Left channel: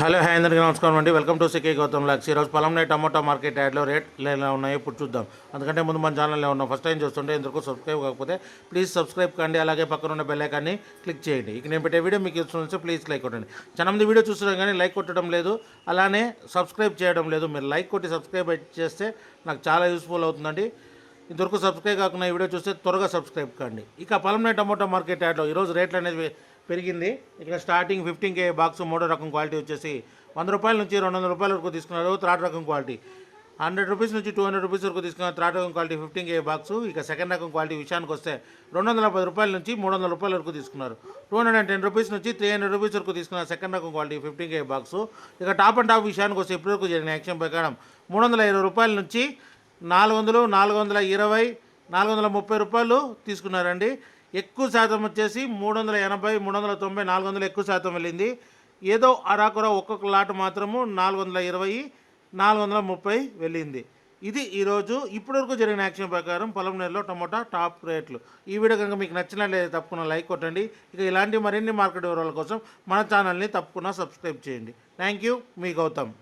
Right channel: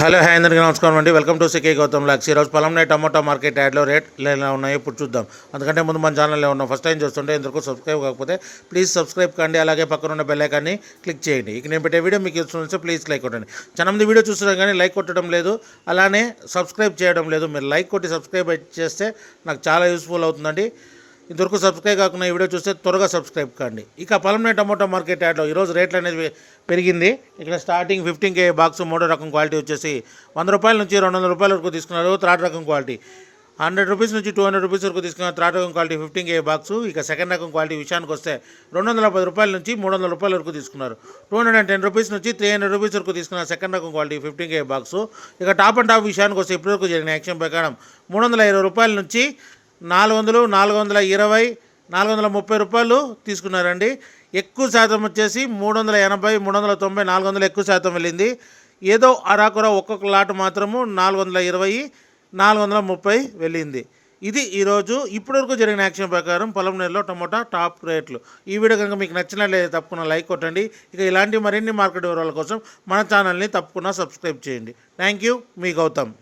Hello hi అందరికీ నమస్కారం అండి. వెల్కమ్ టు సికే గౌతమ్ లాక్స్. ఈరోజు పొలంలో టమాటో మార్కెట్ యాడ్లో రేట్లు ఎలా ఉన్నాయో ఇప్పుడు చూద్దాం. అందుకంటే ముందు మన ఛానల్లో ఉన్నాం. ఫస్ట్ టైం చూస్తుంటే ఇంతకు సబ్స్క్రైబ్ కాకపోతే ప్లీజ్ సబ్స్క్రైబ్ కండి, అలాగే పక్కన ఉన్న బెల్ ఐకాన్ని క్లిక్ చేయండి. ఇక నేను పెట్టే వీడియో మీకు ఇస్తుంది, ప్లీజ్ లైక్ కొట్టండి. చాలా మంది వీడియో చూస్తున్నాం కానీ లైక్ కొట్టడం లేదు, అలానే సబ్స్క్రైబ్ చేయడం లేదు. మీరు లైక్ కొట్టి సబ్స్క్రైబ్ చేస్తే నాకు చాలా యూస్ఫుల్ అవుతుందండి. ఇంతవరకు సబ్స్క్రైబ్ కాకుండా ఈ వీడియో చూస్తే త్వరగా సబ్స్క్రైబ్ కండి. ఇక పొలంలో టమాటో మార్కెట్ యాడ్లో ఈరోజు రేట్లు అనేది పెరిగింది. ఇక్కడ స్టార్టింగ్ 15K బాక్స్ మూడో రకం క్వాలిటీ వచ్చేసి 100 రూపాయల నుంచి 200 రూపాయల వరకు తీసుకున్నారు. థర్డ్ రకం క్వాలిటీ 100 రూపీస్ నుంచి 200 రూపీస్ వరకు తీసుకున్నారు. థర్డ్ రకం క్వాలిటీ 15K బాక్స్. ఇక సెకండ్ రకం క్వాలిటీ విషయానికి వస్తే 210 రూపాయల నుంచి 300 రూపాయల వరకు తీసుకున్నారు. 210 రూపీస్ నుంచి 300 రూపీస్ వరకు తీసుకున్నారు సెకండ్ రకం క్వాలిటీ 15K బాక్స్. ఇక టాప్ అండ్ టాప్ విషయానికి వస్తే ఇప్పటివరకు జరిగిన యాక్షన్ ప్రకారం 320 రూపాయల నుంచి 400, 420, 430 రూపాయలు తీసుకున్నారండి. ఎక్కువ శాతం వచ్చేసి 380, 390, 400 ఎక్కువ శాతం వెళ్ళింది. ఏదో అరాకుర ఒక్కొక్క లాట్ మాత్రము 420, 430 వెళ్ళింది. ఇది ఈరోజు ఇప్పటివరకు జరిగిన యాక్షన్ ప్రకారం పొలంనేరులో టమోటా టాప్ రేట్లు. ఈ వీడియో కనుక మీకు నచ్చినట్లయితే తప్పకుండా లైక్ కొట్టండి. ఇక ఇలాంటి మరిన్ని మార్కెట్ వివరాల కోసం మన ఛానల్ని తప్పకుండా సబ్స్క్రైబ్ చేయండి. థ్యాంక్ యూ, మీ గౌతమ్.